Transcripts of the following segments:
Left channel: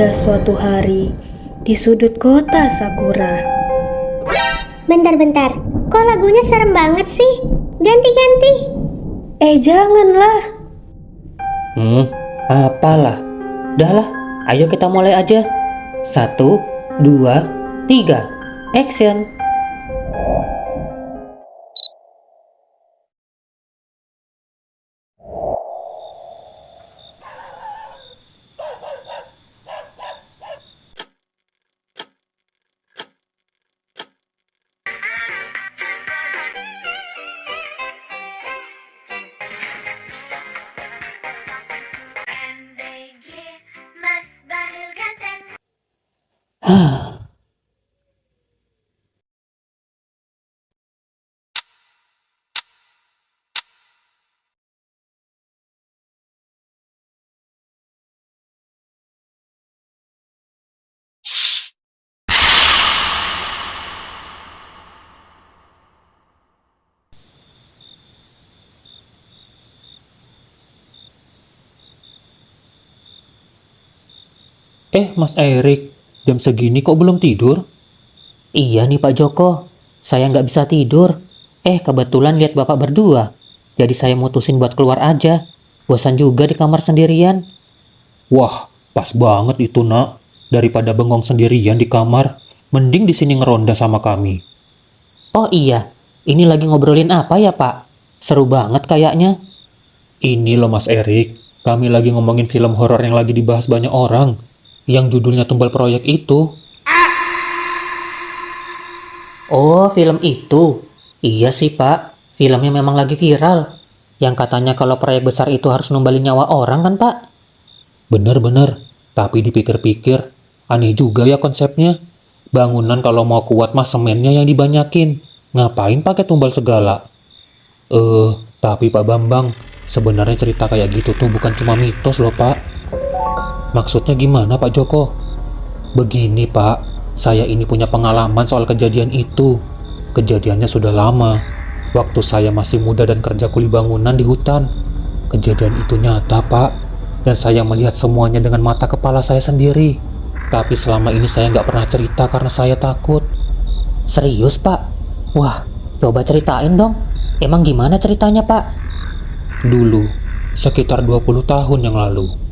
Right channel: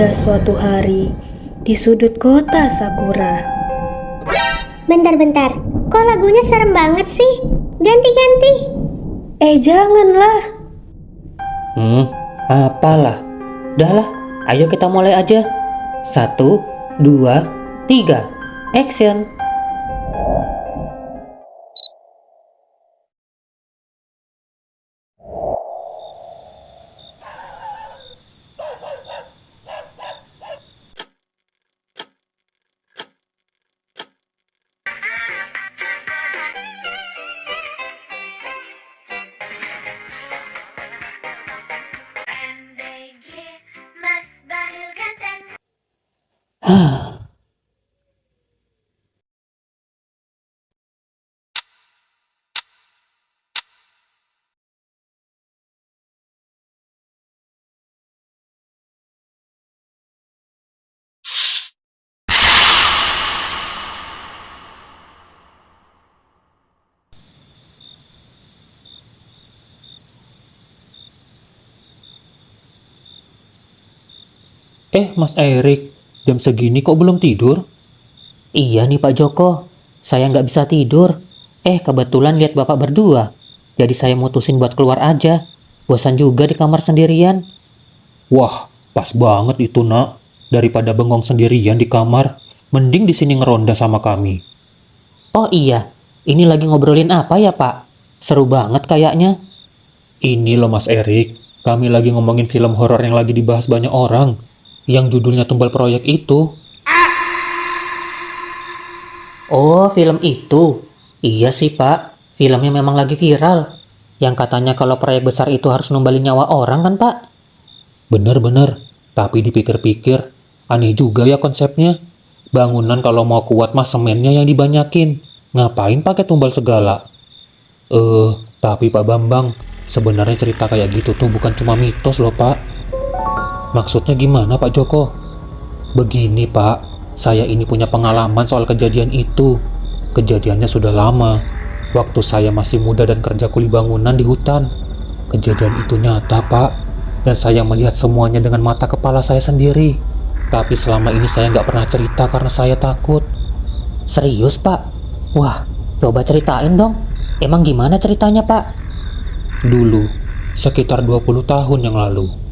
Pada suatu hari, di sudut kota Sakura. Bentar-bentar, kok lagunya serem banget sih? Ganti-ganti. Janganlah. Apalah. Dah lah, ayo kita mulai aja. 1, 2, 3, action. Mas Erik, jam segini kok belum tidur? Iya nih Pak Joko, saya nggak bisa tidur. Kebetulan lihat Bapak berdua, jadi saya mutusin buat keluar aja. Bosan juga di kamar sendirian. Wah, pas banget itu nak. Daripada bengong sendirian di kamar, mending di sini ngeronda sama kami. Oh iya, ini lagi ngobrolin apa ya Pak? Seru banget kayaknya. Ini loh Mas Erik, kami lagi ngomongin film horor yang lagi dibahas banyak orang. Yang judulnya Tumbal Proyek itu. Oh, film itu. Iya sih Pak, filmnya memang lagi viral. Yang katanya kalau proyek besar itu harus numbalin nyawa orang kan Pak? Bener-bener, tapi dipikir-pikir, aneh juga ya konsepnya. Bangunan kalau mau kuat mah semennya yang dibanyakin. Ngapain pakai tumbal segala? Tapi Pak Bambang, sebenarnya cerita kayak gitu tuh bukan cuma mitos loh Pak. Maksudnya gimana Pak Joko? Begini Pak, saya ini punya pengalaman soal kejadian itu. Kejadiannya sudah lama, waktu saya masih muda dan kerja kuli bangunan di hutan. Kejadian itu nyata Pak, dan saya melihat semuanya dengan mata kepala saya sendiri. Tapi selama ini saya nggak pernah cerita karena saya takut. Serius Pak? Wah, coba ceritain dong. Emang gimana ceritanya Pak? Dulu, sekitar 20 tahun yang lalu.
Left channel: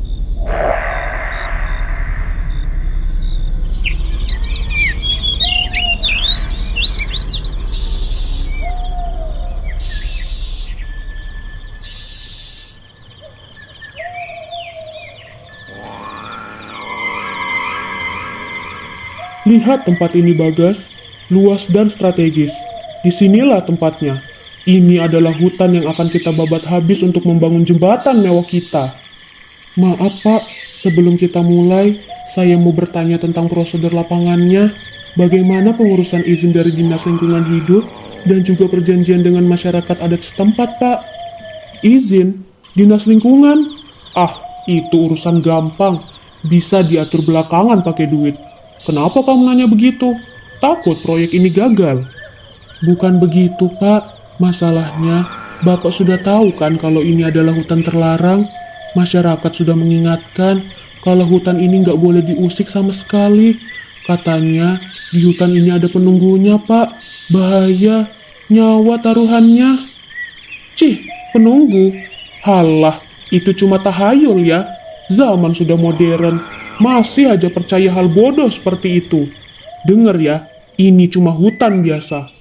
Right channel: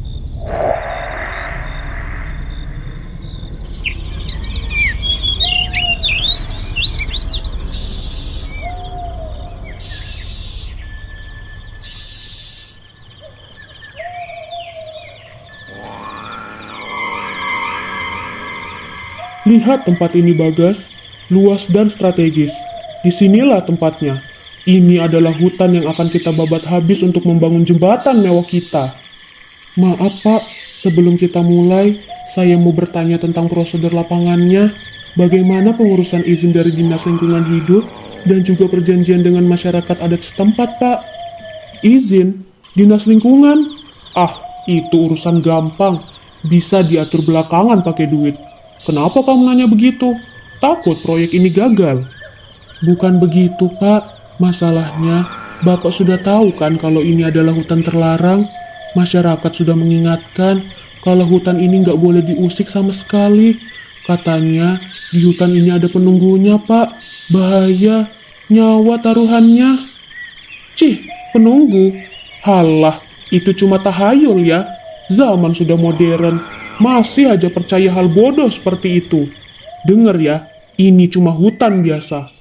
Lihat tempat ini Bagas, luas dan strategis. Disinilah tempatnya. Ini adalah hutan yang akan kita babat habis untuk membangun jembatan mewah kita. Maaf Pak, sebelum kita mulai, saya mau bertanya tentang prosedur lapangannya. Bagaimana pengurusan izin dari Dinas Lingkungan Hidup dan juga perjanjian dengan masyarakat adat setempat Pak? Izin? Dinas Lingkungan? Itu urusan gampang. Bisa diatur belakangan pakai duit. Kenapa kamu nanya begitu? Takut proyek ini gagal? Bukan begitu, Pak. Masalahnya, Bapak sudah tahu kan kalau ini adalah hutan terlarang. Masyarakat sudah mengingatkan kalau hutan ini nggak boleh diusik sama sekali. Katanya, di hutan ini ada penunggunya, Pak. Bahaya, nyawa taruhannya. Cih, penunggu? Halah, itu cuma tahayul ya. Zaman sudah modern. Masih aja percaya hal bodoh seperti itu. Dengar ya, ini cuma hutan biasa.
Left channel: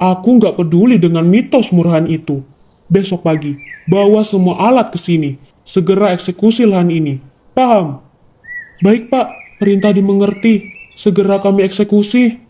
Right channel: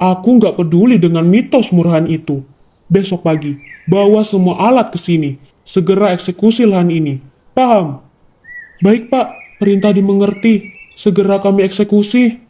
Aku nggak peduli dengan mitos murahan itu. Besok pagi, bawa semua alat ke sini. Segera eksekusi lahan ini. Paham? Baik Pak, perintah dimengerti. Segera kami eksekusi.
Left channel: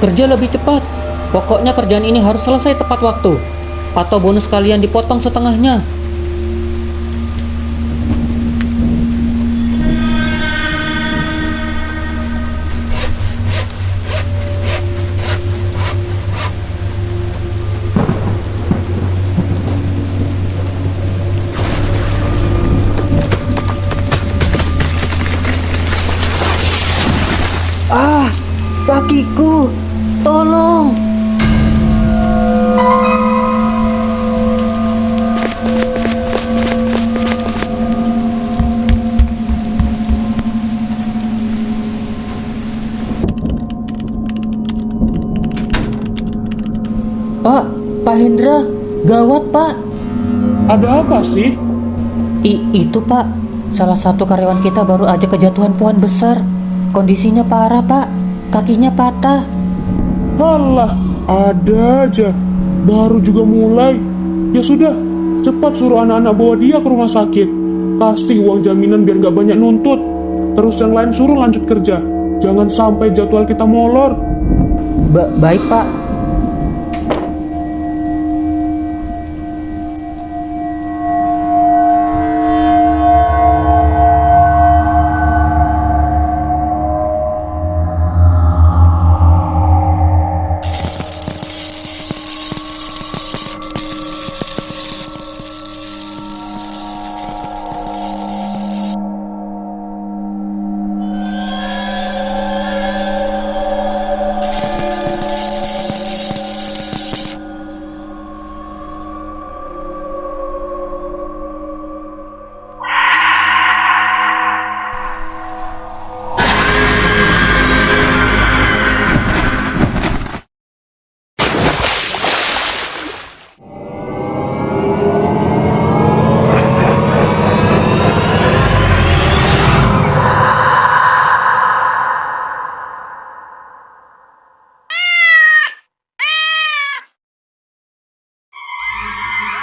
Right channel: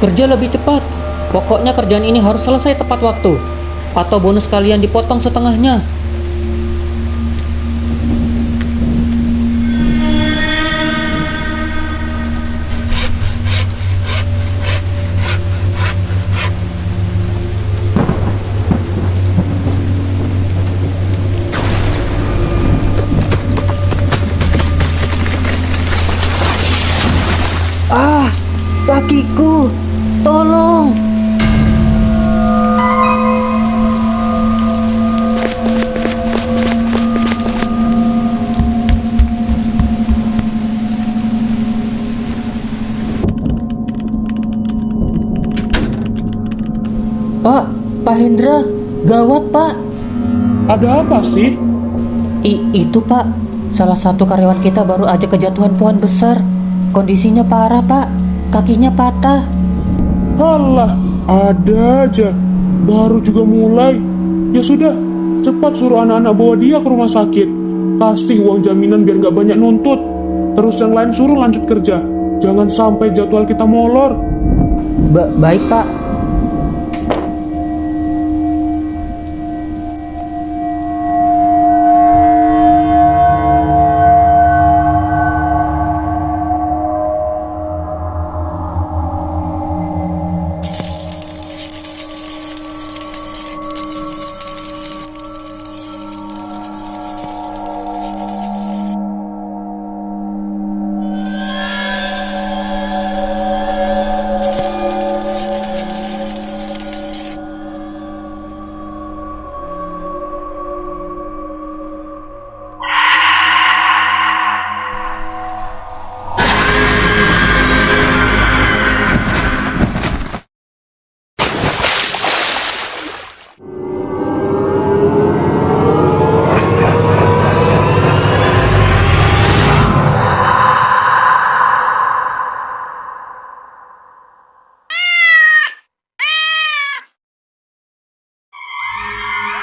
Kerja lebih cepat. Pokoknya kerjaan ini harus selesai tepat waktu. Atau bonus kalian dipotong setengahnya. Kakiku, tolong. Pak Hendra, gawat Pak. Ada apa sih? Itu Pak, salah satu karyawan kita baru aja kejatuhan pohon besar. Kondisinya parah Pak, kakinya patah. Halah, ada aja. Baru juga mulai. Ya sudah, cepat suruh anak-anak bawa dia ke rumah sakit. Kasih uang jaminan biar nggak banyak nuntut. Terus yang lain suruh lanjut kerja. Jangan sampai jadwal kita molor. Baik Pak.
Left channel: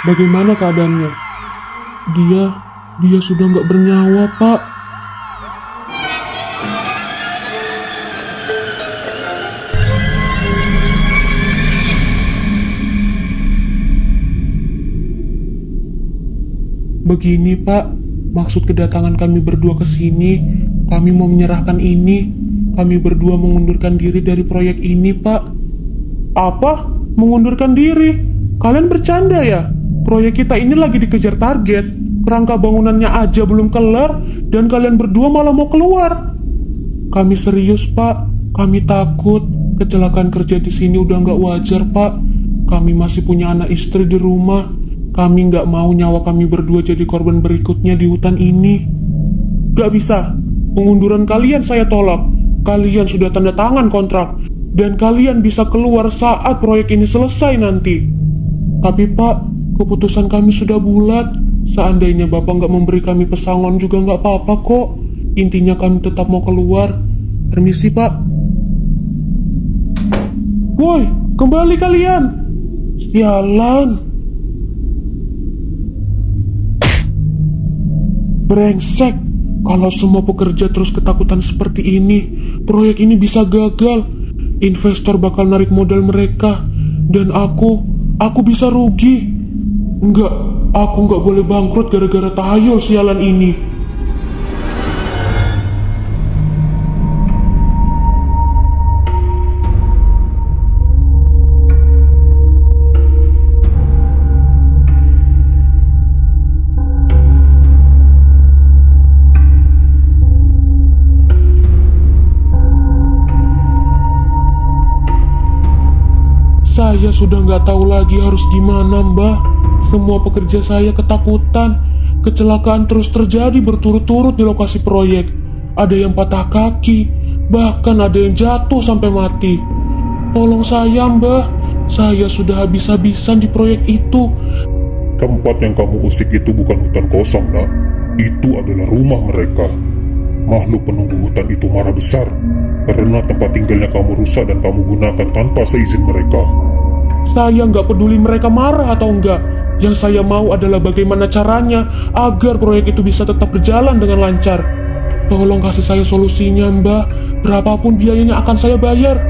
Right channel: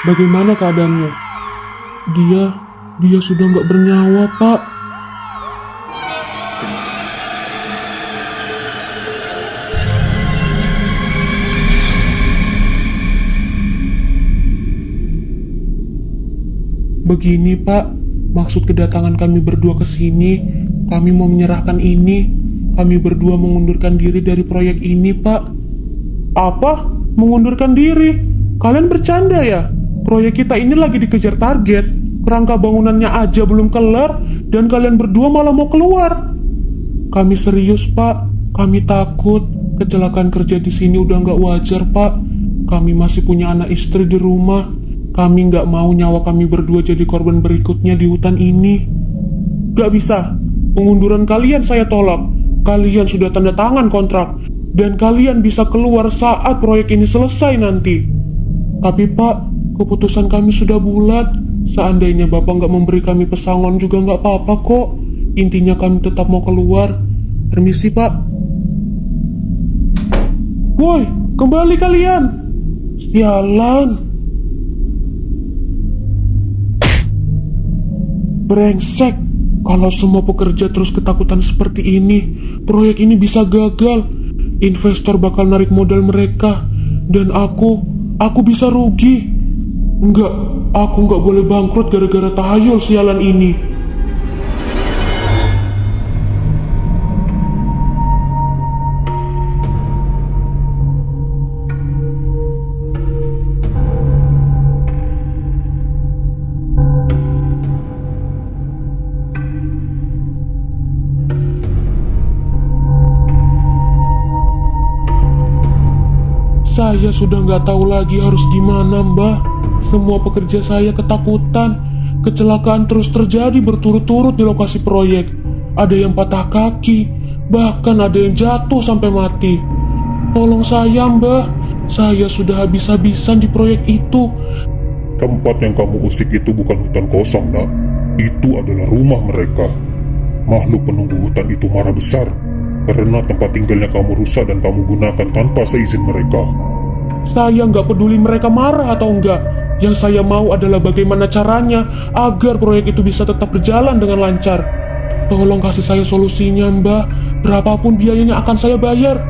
Bagaimana keadaannya? Dia sudah nggak bernyawa, Pak. Begini, Pak. Maksud kedatangan kami berdua ke sini, kami mau menyerahkan ini. Kami berdua mengundurkan diri dari proyek ini, Pak. Apa? Mengundurkan diri? Kalian bercanda ya? Proyek kita ini lagi dikejar target. Kerangka bangunannya aja belum kelar, dan kalian berdua malah mau keluar. Kami serius, Pak. Kami takut. Kecelakaan kerja di sini udah nggak wajar, Pak. Kami masih punya anak istri di rumah. Kami nggak mau nyawa kami berdua jadi korban berikutnya di hutan ini. Gak bisa. Pengunduran kalian saya tolak. Kalian sudah tanda tangan kontrak, dan kalian bisa keluar saat proyek ini selesai nanti. Tapi Pak, keputusan kami sudah bulat. Seandainya Bapak nggak memberi kami pesangon juga nggak apa-apa kok. Intinya kami tetap mau keluar. Permisi, Pak. Woi, kembali kalian. Sialan. Brengsek. Kalau semua pekerja terus ketakutan seperti ini, proyek ini bisa gagal. Investor bakal narik modal mereka, dan aku bisa rugi. Enggak, aku nggak boleh bangkrut gara-gara tahayul sialan ini. Saya sudah nggak tahu lagi harus gimana, Mbah. Semua pekerja saya ketakutan. Kecelakaan terus terjadi berturut-turut di lokasi proyek. Ada yang patah kaki, bahkan ada yang jatuh sampai mati. Tolong saya, Mbah. Saya sudah habis-habisan di proyek itu. Tempat yang kamu usik itu bukan hutan kosong, nak. Itu adalah rumah mereka. Makhluk penunggu hutan itu marah besar karena tempat tinggalnya kamu rusak dan kamu gunakan tanpa seizin mereka. Saya nggak peduli mereka marah atau enggak. Yang saya mau adalah bagaimana caranya agar proyek itu bisa tetap berjalan dengan lancar. Tolong kasih saya solusinya, Mbah. Berapapun biayanya akan saya bayar.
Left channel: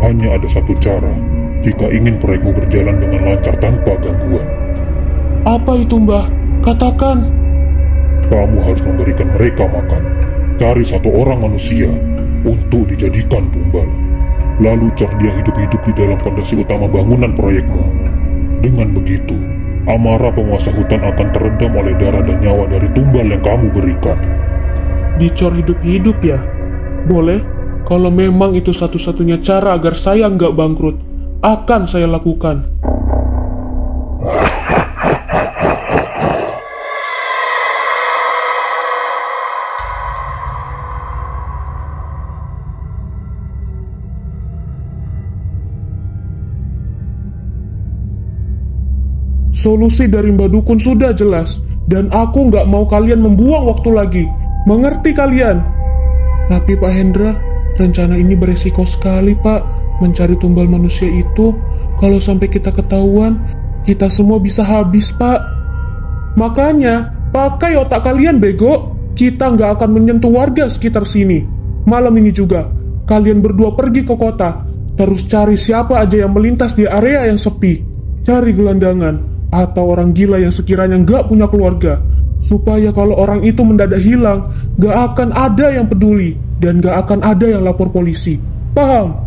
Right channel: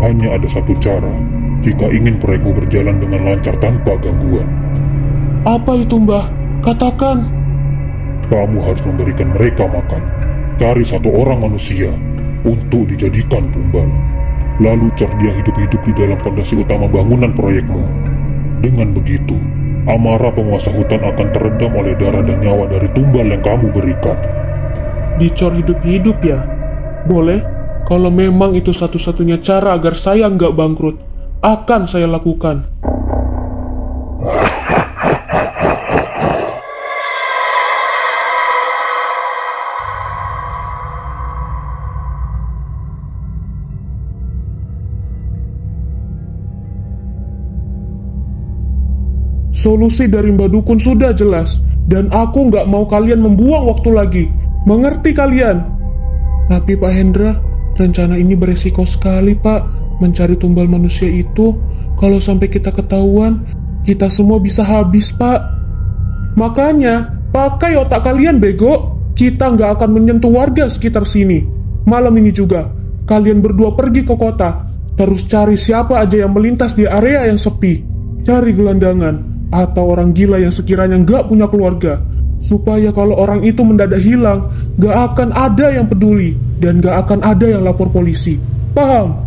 Hanya ada satu cara jika ingin proyekmu berjalan dengan lancar tanpa gangguan. Apa itu, Mbah? Katakan. Kamu harus memberikan mereka makan. Cari satu orang manusia untuk dijadikan tumbal. Lalu cor dia hidup-hidup di dalam pondasi utama bangunan proyekmu. Dengan begitu, amarah penguasa hutan akan teredam oleh darah dan nyawa dari tumbal yang kamu berikan. Dicor hidup-hidup ya? Boleh, kalau memang itu satu-satunya cara agar saya nggak bangkrut, akan saya lakukan. Solusi dari Mbak Dukun sudah jelas, dan aku nggak mau kalian membuang waktu lagi. Mengerti kalian? Tapi Pak Hendra, rencana ini beresiko sekali, Pak. Mencari tumbal manusia itu, kalau sampai kita ketahuan, kita semua bisa habis, Pak. Makanya, pakai otak kalian, bego. Kita nggak akan menyentuh warga sekitar sini. Malam ini juga, kalian berdua pergi ke kota. Terus cari siapa aja yang melintas di area yang sepi. Cari gelandangan atau orang gila yang sekiranya nggak punya keluarga, supaya kalau orang itu mendadak hilang, nggak akan ada yang peduli dan nggak akan ada yang lapor polisi. Paham?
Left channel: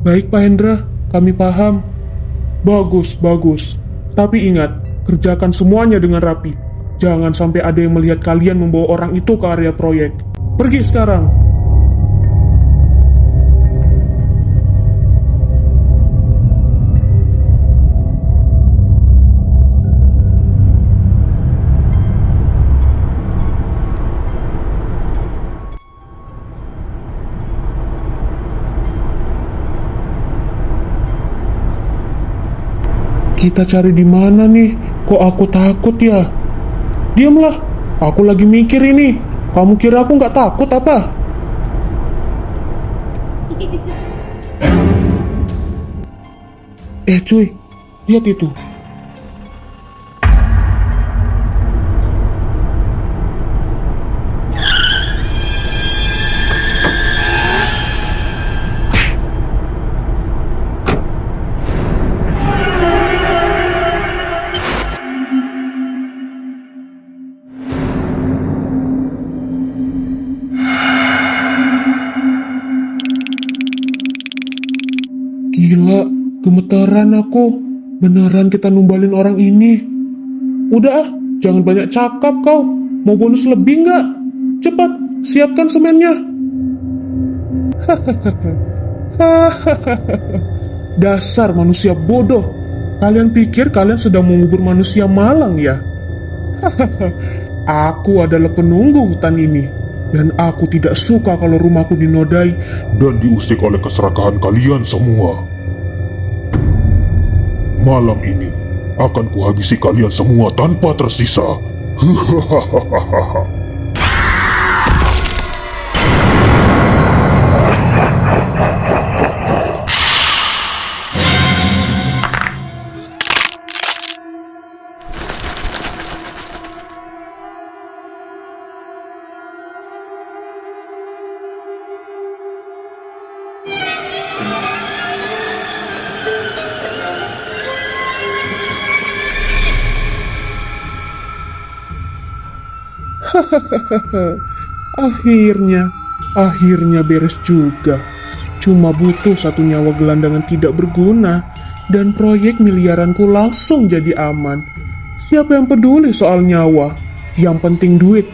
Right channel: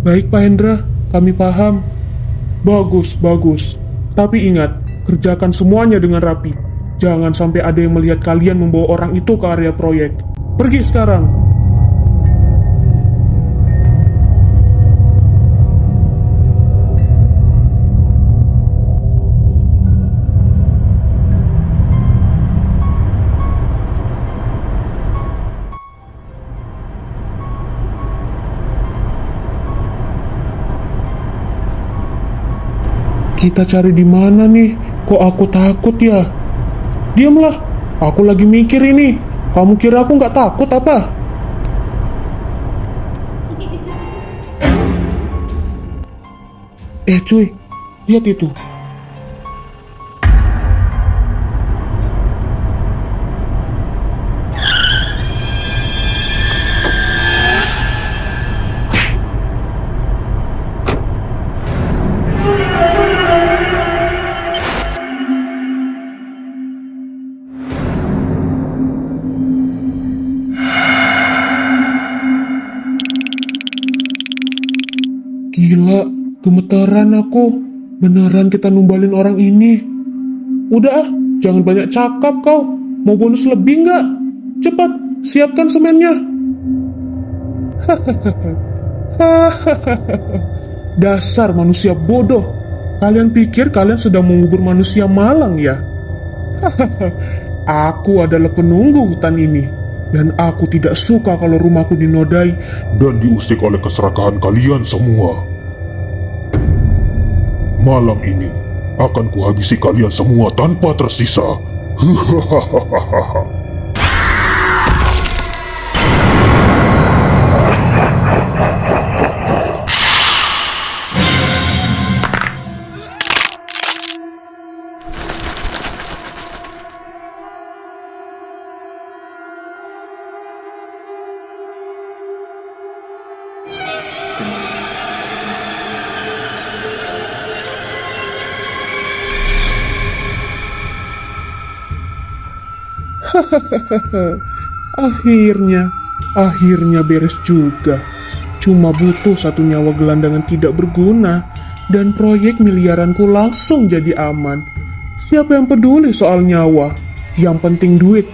Baik Pak Hendra, kami paham. Bagus, bagus. Tapi ingat, kerjakan semuanya dengan rapi. Jangan sampai ada yang melihat kalian membawa orang itu ke area proyek. Pergi sekarang. Kita cari di mana nih? Kok aku takut ya? Diamlah, aku lagi mikir ini. Kamu kira aku nggak takut apa? Cuy, lihat itu. Gila, gemeteran aku. Beneran kita numbalin orang ini. Udah ah, jangan banyak cakap kau. Mau bonus lebih nggak? Cepat, siapkan semennya. Dasar manusia bodoh. Kalian pikir kalian sedang mengubur manusia malang ya? Aku adalah penunggu hutan ini. Dan aku tidak suka kalau rumahku dinodai dan diusik oleh keserakahan kalian semua. Malam ini akan kuhabisi kalian semua tanpa tersisa. Akhirnya beres juga. Cuma butuh satu nyawa gelandangan tidak berguna, dan proyek miliaranku langsung jadi aman. Siapa yang peduli soal nyawa? Yang penting duit.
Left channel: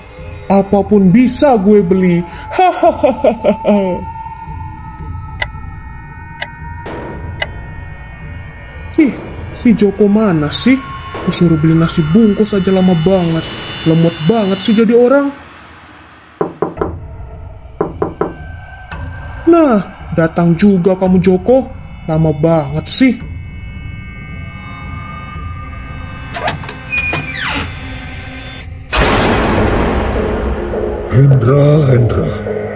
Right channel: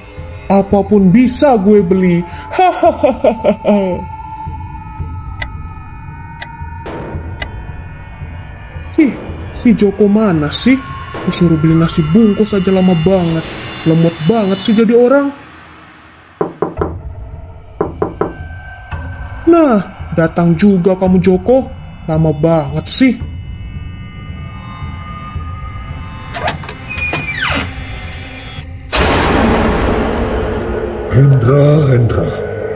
Apapun bisa gue beli. Si Joko mana sih? Kusuruh beli nasi bungkus aja lama banget. Lemot banget sih jadi orang. Nah, datang juga kamu Joko. Lama banget sih. Hendra,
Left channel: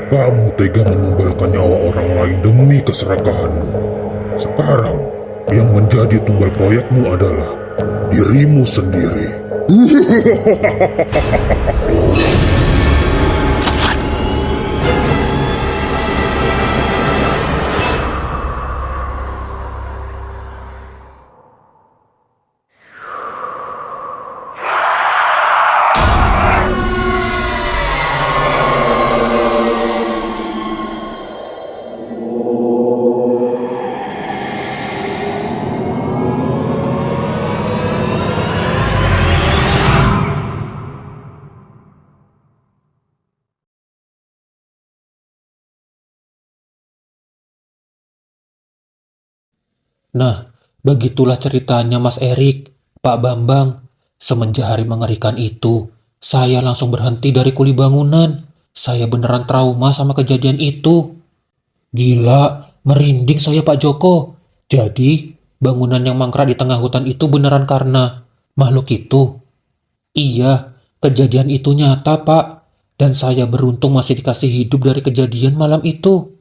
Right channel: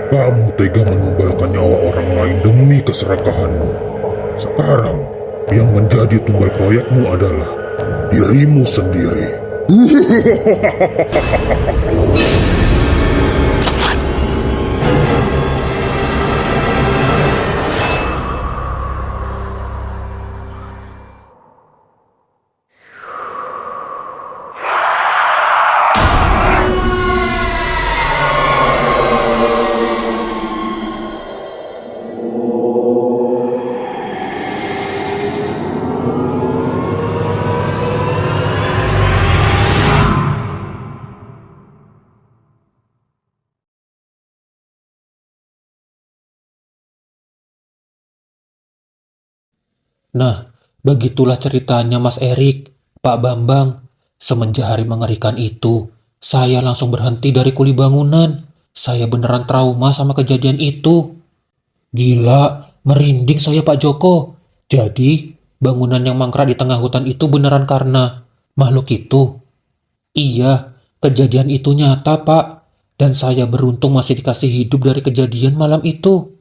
kamu tega menumbalkan nyawa orang lain demi keserakahanmu. Sekarang, yang menjadi tumbal proyekmu adalah dirimu sendiri. Nah, begitulah ceritanya Mas Erik, Pak Bambang. Semenjak hari mengerikan itu, saya langsung berhenti dari kuli bangunan. Saya beneran trauma sama kejadian itu. Gila, merinding saya Pak Joko. Jadi, bangunan yang mangkrak di tengah hutan itu beneran karena makhluk itu. Iya, kejadian itu nyata Pak. Dan saya beruntung masih dikasih hidup dari kejadian malam itu.